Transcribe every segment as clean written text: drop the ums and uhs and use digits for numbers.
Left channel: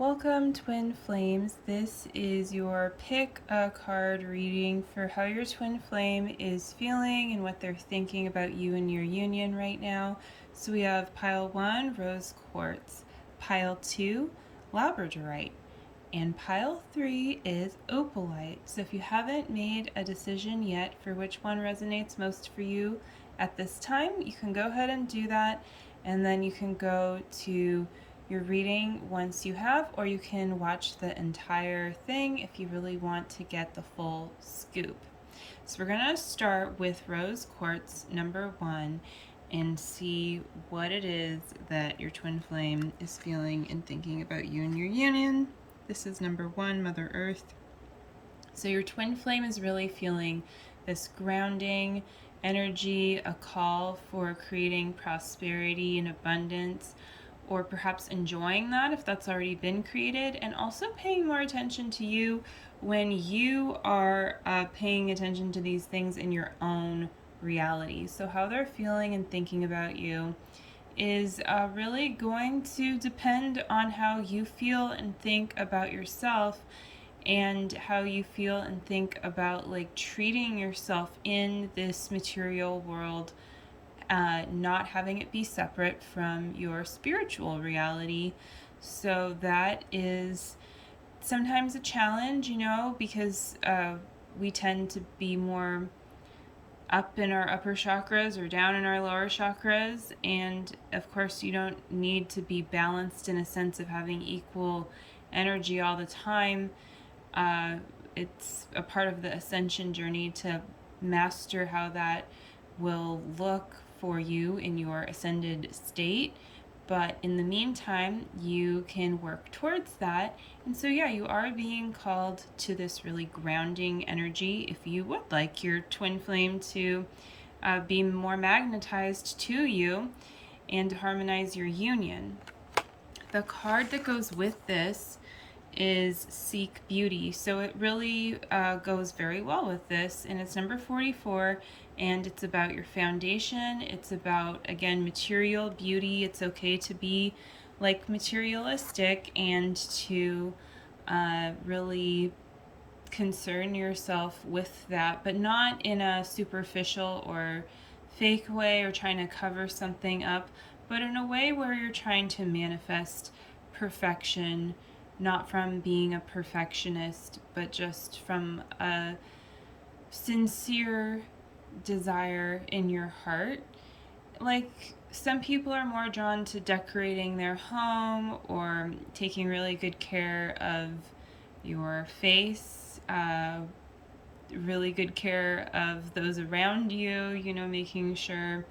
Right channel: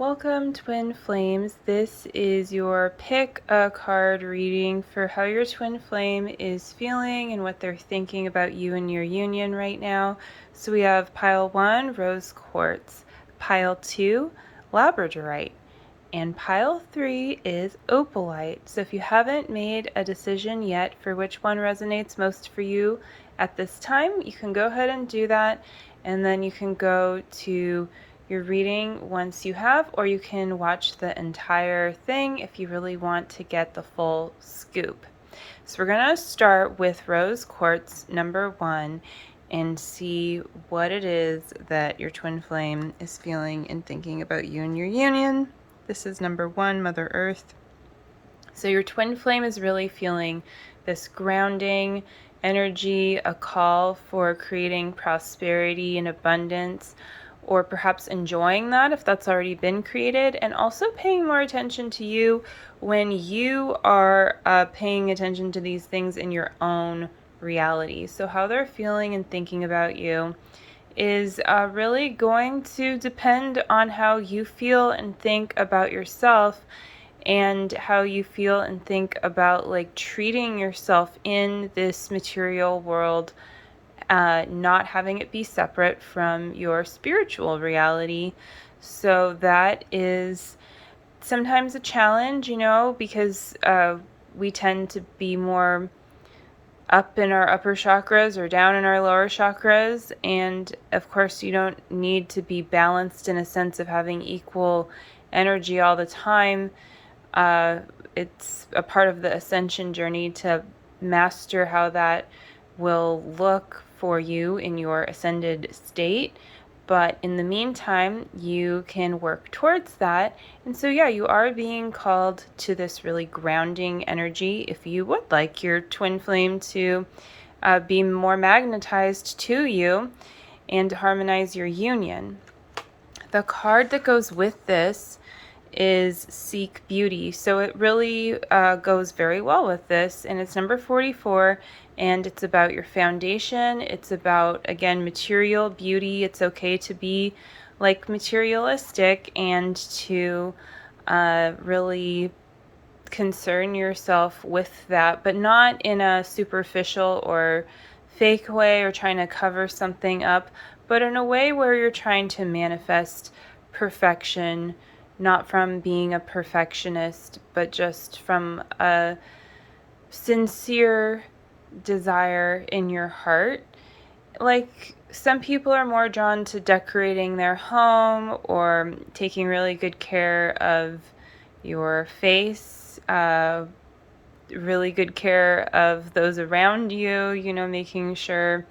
Welcome, Twin Flames. This is your pick a card reading for how your twin flame is feeling and what they're thinking about you and your union right now. So we have pile 1, Rose Quartz, pile 2, Labradorite, and pile 3 is Opalite. So if you haven't made a decision yet for which one resonates most for you at this time, you can go ahead and do that, and then you can go to your reading once you have, or you can watch the entire thing if you really want to get the full scoop. So we're going to start with Rose Quartz number 1 and see what it is that your twin flame is feeling and thinking about you and your union. This is number 1, Mother Earth. So your twin flame is really feeling this grounding energy, a call for creating prosperity and abundance, or perhaps enjoying that if that's already been created, and also paying more attention to you when you are paying attention to these things in your own reality. So how they're feeling and thinking about you is really going to depend on how you feel and think about yourself, and how you feel and think about like treating yourself in this material world, not having it be separate from your spiritual reality. So that is sometimes a challenge, because we tend to be more up in our upper chakras or down in our lower chakras. And of course, you don't need to be balanced in a sense of having equal energy all the time. It's a part of the ascension journey to master how that will look for you in your ascended state. But in the meantime, you can work towards that. And so, yeah, you are being called to this really grounding energy. If you would like your twin flame to be more magnetized to you and to harmonize your union. The card that goes with this is Seek Beauty. So it really goes very well with this. And it's number 44. And it's about your foundation. It's about, again, material beauty. It's okay to be like materialistic and to really concern yourself with that, but not in a superficial or fake way or trying to cover something up, but in a way where you're trying to manifest perfection, not from being a perfectionist, but just from a sincere desire in your heart. Like, some people are more drawn to decorating their home or taking really good care of your face, really good care of those around you, making sure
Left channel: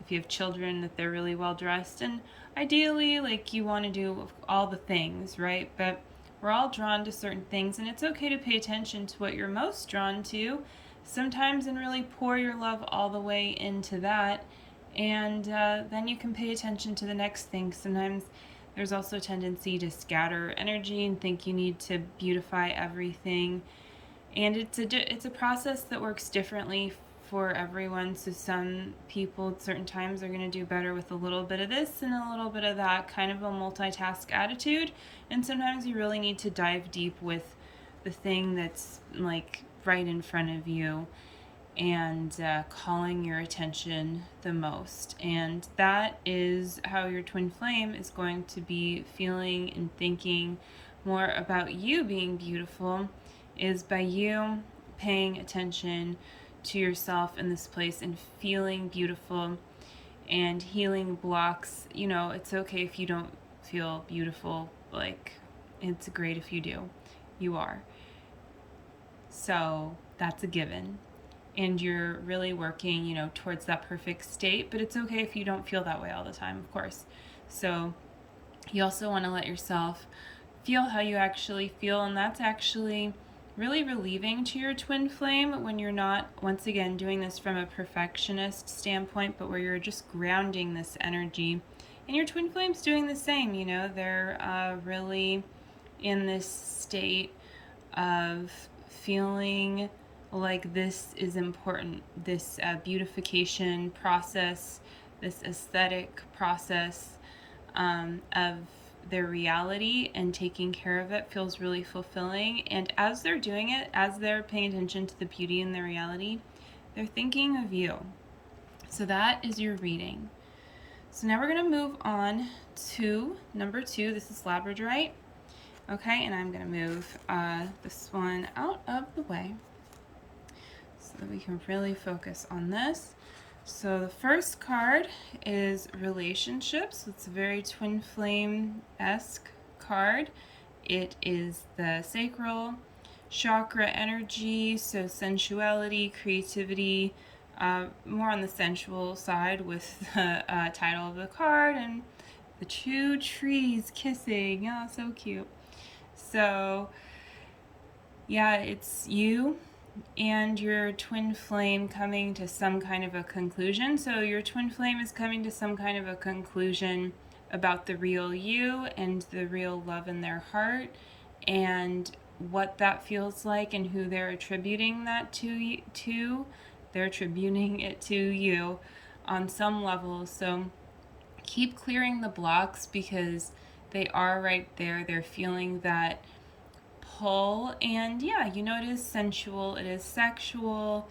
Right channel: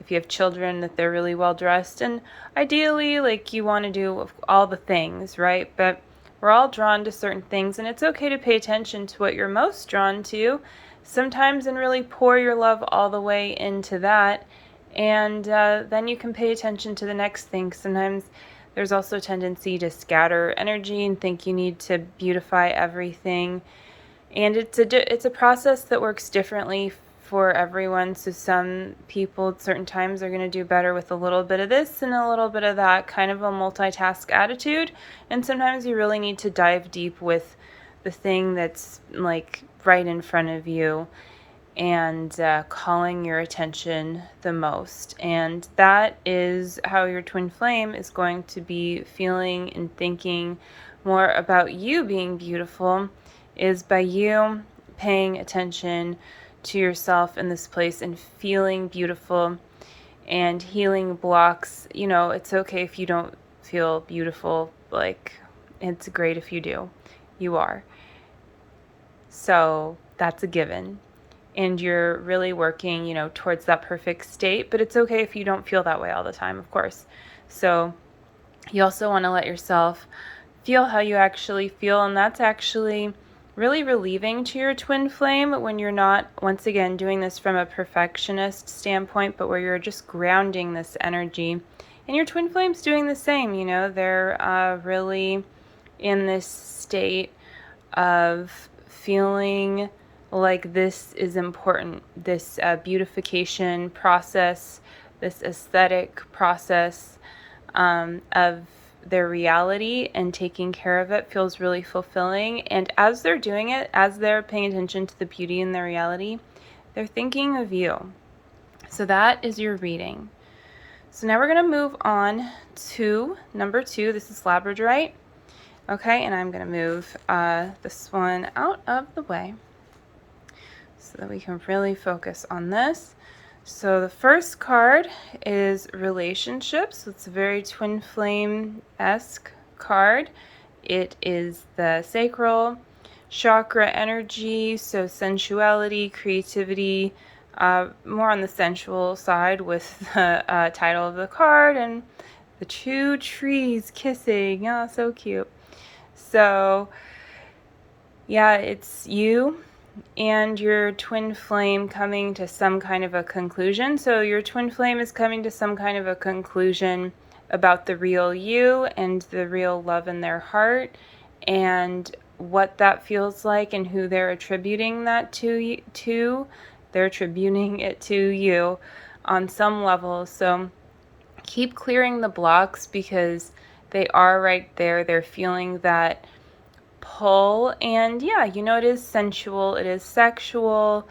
if you have children that they're really well dressed. And ideally, like, you want to do all the things, right? But we're all drawn to certain things, and it's okay to pay attention to what you're most drawn to sometimes and really pour your love all the way into that. And then you can pay attention to the next thing. Sometimes there's also a tendency to scatter energy and think you need to beautify everything. And it's a process that works differently for everyone. So some people at certain times are going to do better with a little bit of this and a little bit of that, kind of a multitask attitude. And sometimes you really need to dive deep with the thing that's like right in front of you and calling your attention the most. And that is how your twin flame is going to be feeling and thinking more about you being beautiful, is by you paying attention to yourself in this place and feeling beautiful and healing blocks. It's okay if you don't feel beautiful. Like, it's great if you do. You are. So that's a given. And you're really working, towards that perfect state. But it's okay if you don't feel that way all the time, of course. So you also want to let yourself feel how you actually feel. And that's actually really relieving to your twin flame when you're not, once again, doing this from a perfectionist standpoint, but where you're just grounding this energy. And your twin flame's doing the same. They're really in this state of feeling like this is important, this beautification process, this aesthetic process of their reality and taking care of it feels really fulfilling. And as they're doing it, as they're paying attention to the beauty in their reality, they're thinking of you. So that is your reading. So now we're going to move on to number 2. This is Labradorite. Okay, and I'm going to move this one out of the way so that we can really focus on this. So the first card is relationships. It's a very twin flame-esque card. It is the sacral chakra energy, so sensuality, creativity, more on the sensual side with the title of the card and the 2 trees kissing. Oh, so cute. So yeah, it's you and your twin flame coming to some kind of a conclusion. So your twin flame is coming to some kind of a conclusion about the real you and the real love in their heart and what that feels like and who they're attributing that to. They're attributing it to you on some level. So keep clearing the blocks because they are right there. They're feeling that pull, and yeah, you know, it is sensual, it is sexual,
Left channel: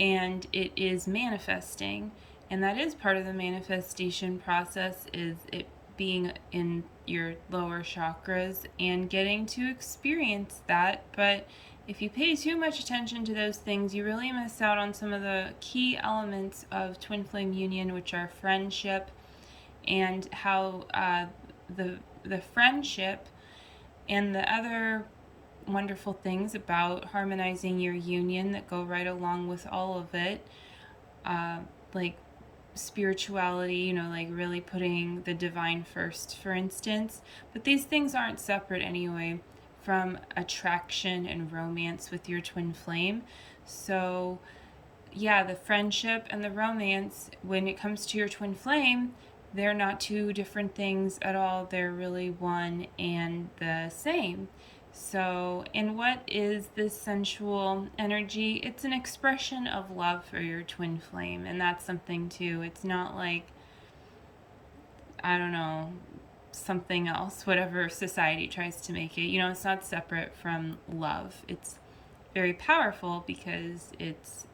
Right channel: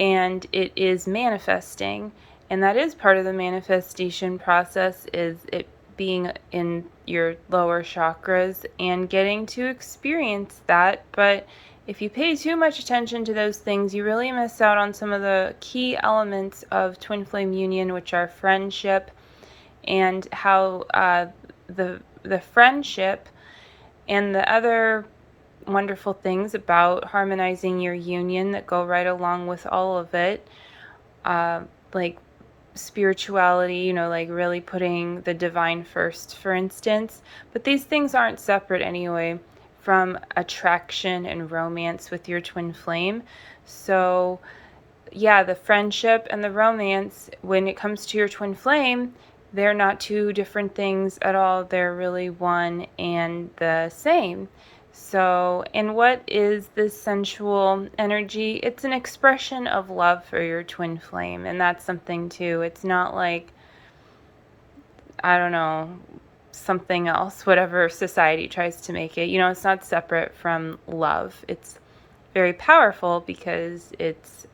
and it is manifesting, and that is part of the manifestation process, is it being in your lower chakras and getting to experience that. But if you pay too much attention to those things, you really miss out on some of the key elements of twin flame union, which are friendship, and how the friendship and the other wonderful things about harmonizing your union that go right along with all of it, like spirituality, you know, like really putting the divine first, for instance. But these things aren't separate anyway from attraction and romance with your twin flame. So yeah, the friendship and the romance, when it comes to your twin flame, they're not 2 different things at all. They're really one and the same. So, and what is this sensual energy? It's an expression of love for your twin flame, and that's something too. It's not like, I don't know, something else, whatever society tries to make it. You know, it's not separate from love. It's very powerful because it's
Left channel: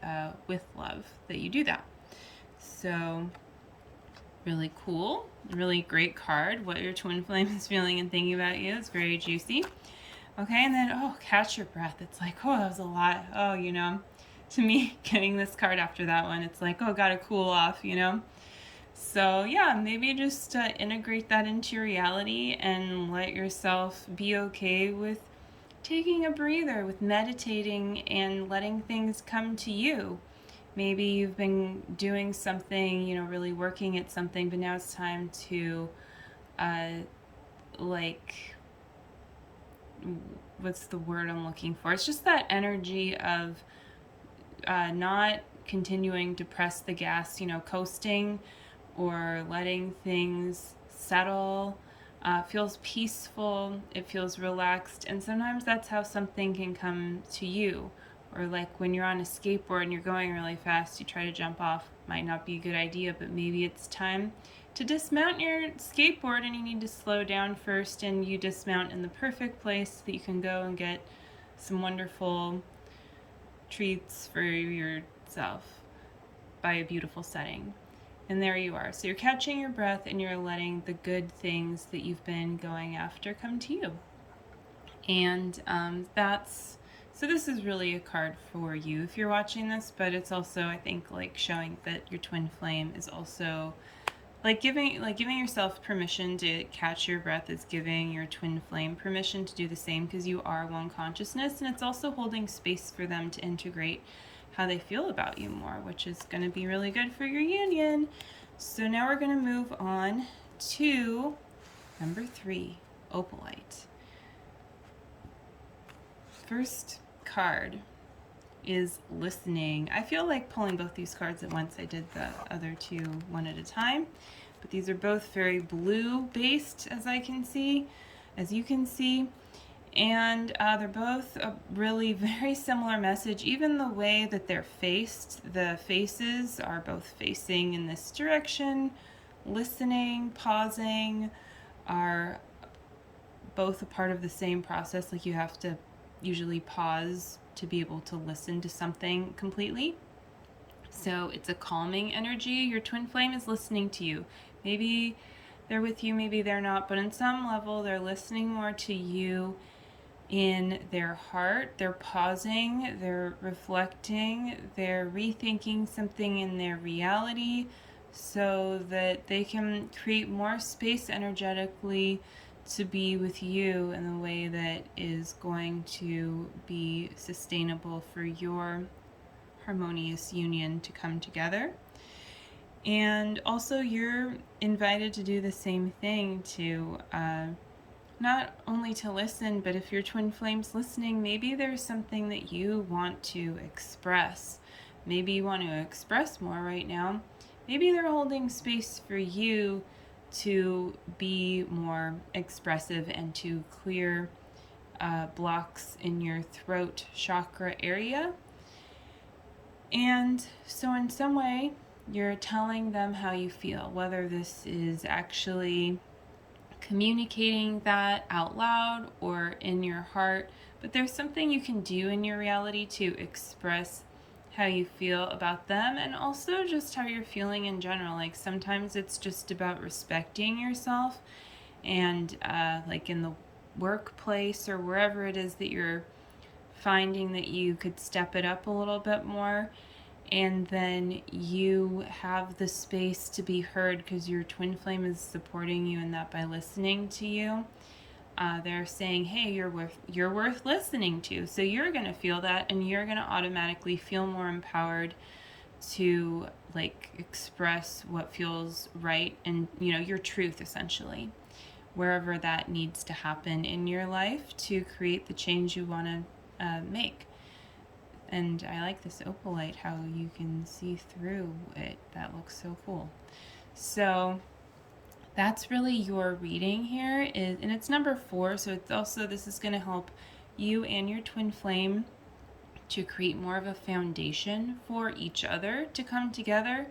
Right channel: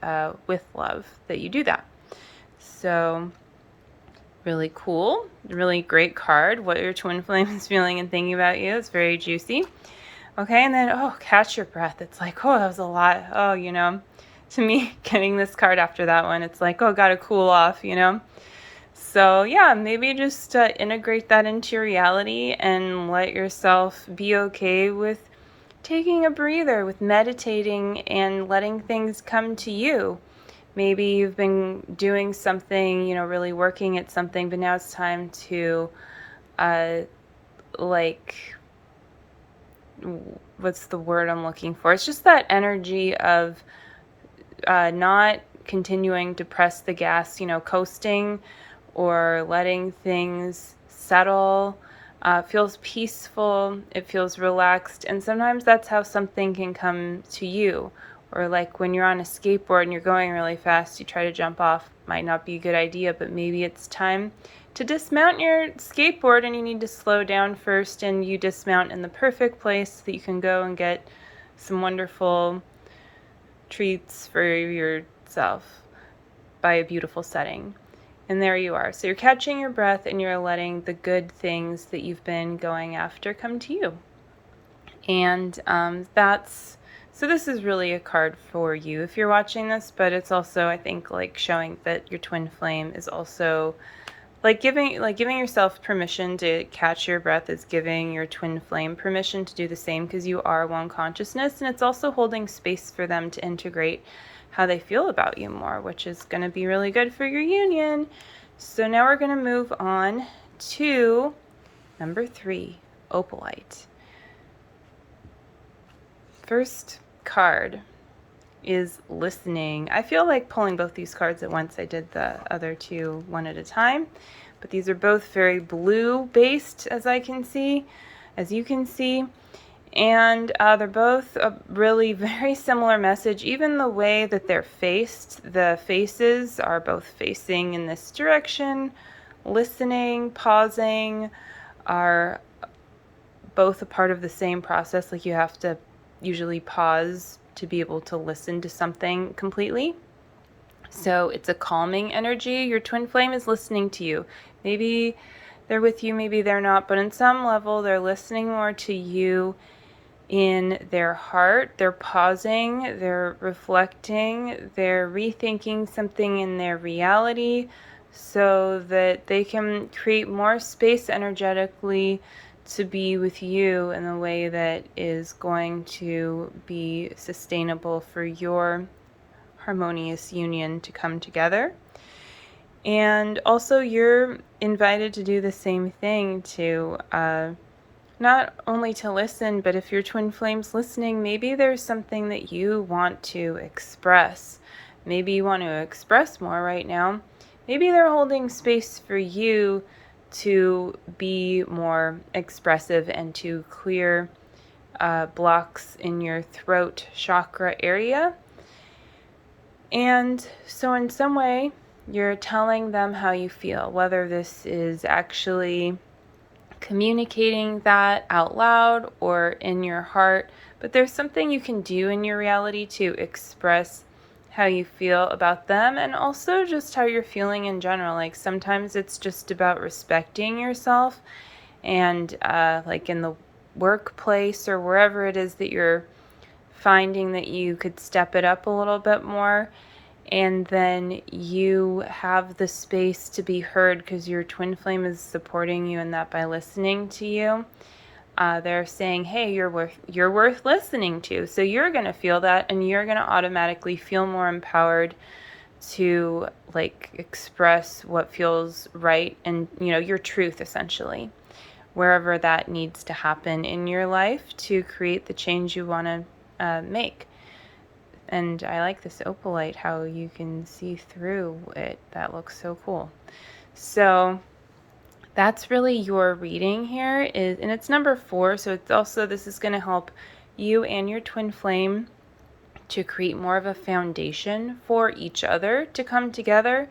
with love that you do that. So really cool, really great card. What your twin flame is feeling and thinking about you. It's very juicy. Okay, and then, oh, catch your breath. It's like, oh, that was a lot. Oh, you know, to me, getting this card after that one, it's like, oh, gotta cool off, you know? So yeah, maybe just integrate that into your reality and let yourself be okay with taking a breather, with meditating and letting things come to you. Maybe you've been doing something, you know, really working at something, but now it's time to, like, what's the word I'm looking for? It's just that energy of not continuing to press the gas, you know, coasting or letting things settle. Feels peaceful, it feels relaxed, and sometimes that's how something can come to you. Or like when you're on a skateboard and you're going really fast, you try to jump off, might not be a good idea, but maybe it's time to dismount your skateboard and you need to slow down first, and you dismount in the perfect place so that you can go and get some wonderful treats for yourself by a beautiful setting. And there you are. So you're catching your breath and you're letting the good things that you've been going after come to you. And so this is really a card for you if you're watching this, but it's also, I think, like showing that your twin flame is also like giving yourself permission to catch your breath is giving your twin flame permission to do the same, because you are one consciousness, and it's also holding space for them to integrate how they feel about you more, which is going to be really good for your union. So now we're going to move on to number 3, Opalite. First card is listening. I feel like pulling both these cards at once. I did the other 2 one at a time, but these are both very blue based, as you can see, and they're both a really very similar message. Even the way that they're faced, the faces are both facing in this direction. Listening, pausing, are both a part of the same process. Like you have to usually pause to be able to listen to something completely. So it's a calming energy. Your twin flame is listening to you. Maybe they're with you, maybe they're not, but in some level they're listening more to you in their heart. They're pausing, they're reflecting, they're rethinking something in their reality so that they can create more space energetically to be with you in a way that is going to be sustainable for your harmonious union to come together. And also you're invited to do the same thing, to not only to listen, but if your twin flame's listening, maybe there's something that you want to express. Maybe you want to express more right now. Maybe they're holding space for you to be more expressive and to clear blocks in your throat chakra area. And so in some way, you're telling them how you feel, whether this is actually communicating that out loud or in your heart. But there's something you can do in your reality to express how you feel about them, and also just how you're feeling in general. Like sometimes it's just about respecting yourself, and like in the workplace or wherever it is that you're finding that you could step it up a little bit more, and then you have the space to be heard because your twin flame is supporting you in that by listening to you. They're saying, hey, you're worth listening to. So you're going to feel that, and you're going to automatically feel more empowered to like express what feels right and, you know, your truth essentially, wherever that needs to happen in your life to create the change you want to make. And I like this opalite, how you can see through it. That looks so cool. So that's really your reading here, and it's number 4. So it's also, this is going to help you and your twin flame to create more of a foundation for each other to come together.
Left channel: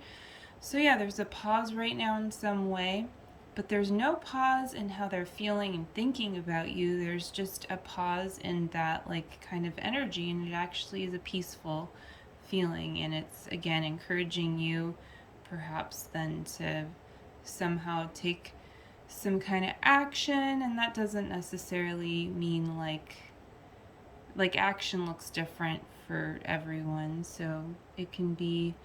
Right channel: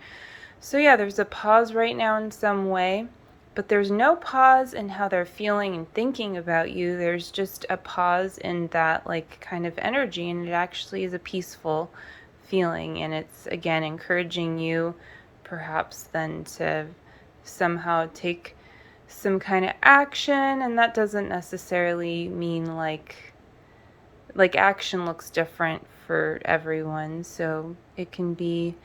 So yeah, there's a pause right now in some way, but there's no pause in how they're feeling and thinking about you. There's just a pause in that like kind of energy, and it actually is a peaceful feeling, and it's again encouraging you perhaps then to somehow take some kind of action. And that doesn't necessarily mean like action looks different for everyone. So it can be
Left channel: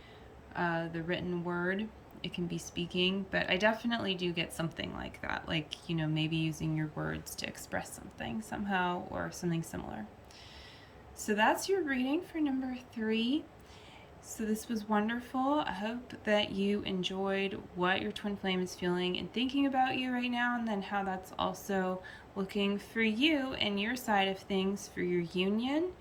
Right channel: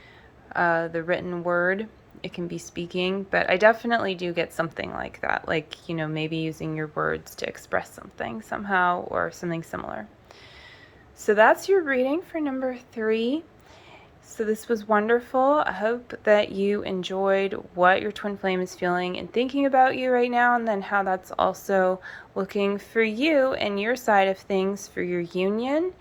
the written word, it can be speaking, but I definitely do get something like that, like, you know, maybe using your words to express something somehow or something similar. So that's your reading for number 3. So this was wonderful. I hope that you enjoyed what your twin flame is feeling and thinking about you right now, and then how that's also looking for you and your side of things for your union.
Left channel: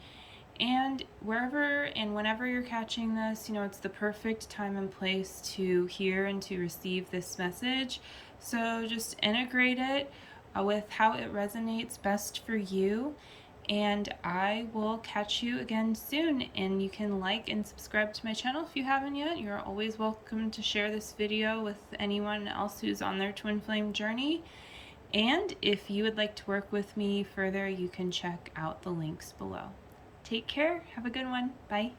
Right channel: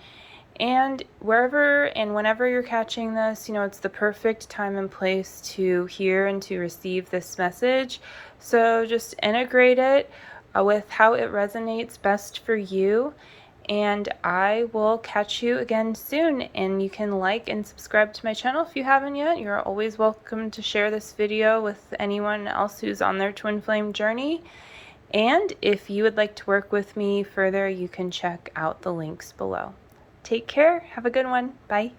And wherever and whenever you're catching this, you know, it's the perfect time and place to hear and to receive this message. So just integrate it with how it resonates best for you. And I will catch you again soon. And you can like and subscribe to my channel if you haven't yet. You're always welcome to share this video with anyone else who's on their twin flame journey. And if you would like to work with me further, you can check out the links below. Take care. Have a good one. Bye.